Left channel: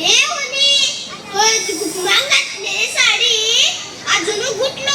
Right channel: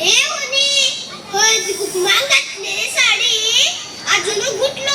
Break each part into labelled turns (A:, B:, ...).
A: हे गुड मांगतले साडी अजून गुटलो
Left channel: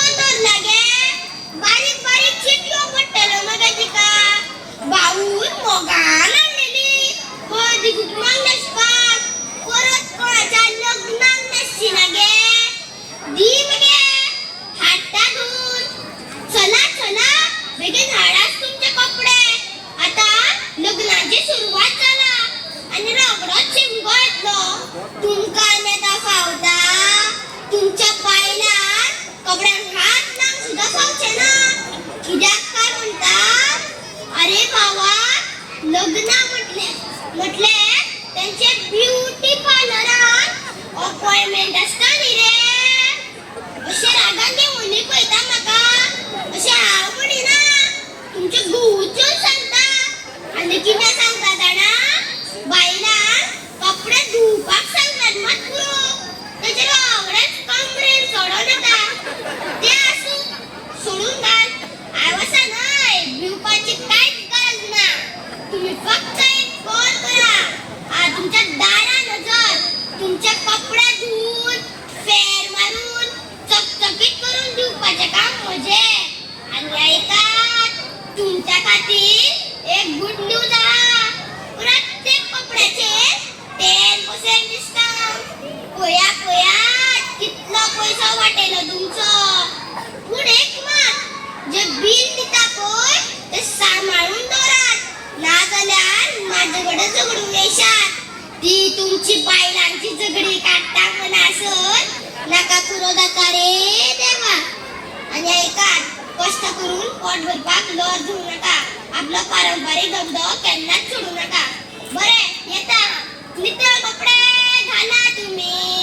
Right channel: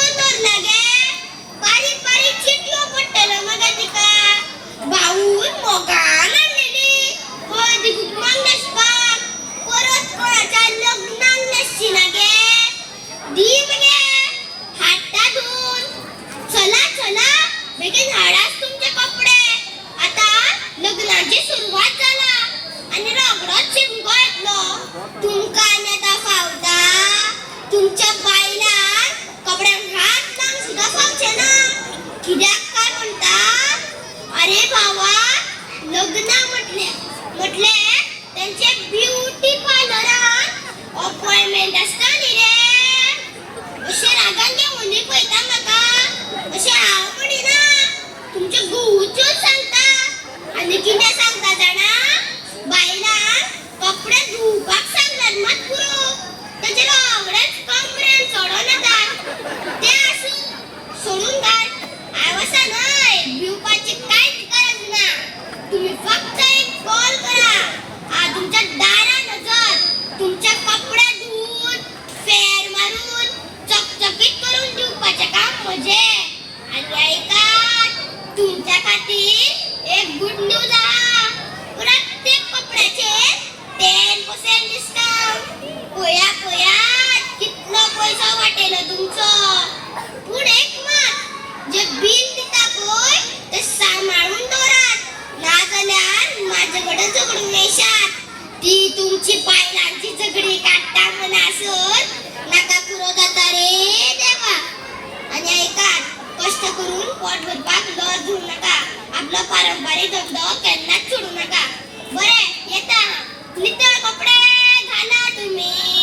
A: रागान पळता पळयता म्हाका अशें हांव म्हणिना तुमचे घुवचून सांगता आनी कितें सांगता जाणा बायलांक कपडे धुवपाक सांगलात मात पुरो. तेजे रोगडेच कमरेन चडो नाका ते आसूं सोडून घाल आयवसा न्हय भिवपाची कांयच गरज ना तुम्ही फक्त दिवपाचें आणि आनी ऐकात तुमच्या खातीर एक गुड न्यूज आहा. प्रत्येक कपड्याचेर टेन पर्सेंट डिस्काउंट पळया पळया कितलो पयसो वाटेलो तुमचो? पूण एक मात. जे बील दिता पळय ते सांबाळून दवरात ना जाल्यार म्हाजे कडेन झगडूंक येशात ती तुमची बायलां पारंपरिक धंदो केन्नाच सोडू नका. बरे येता. नितळ कपडे घाला तुम्ही.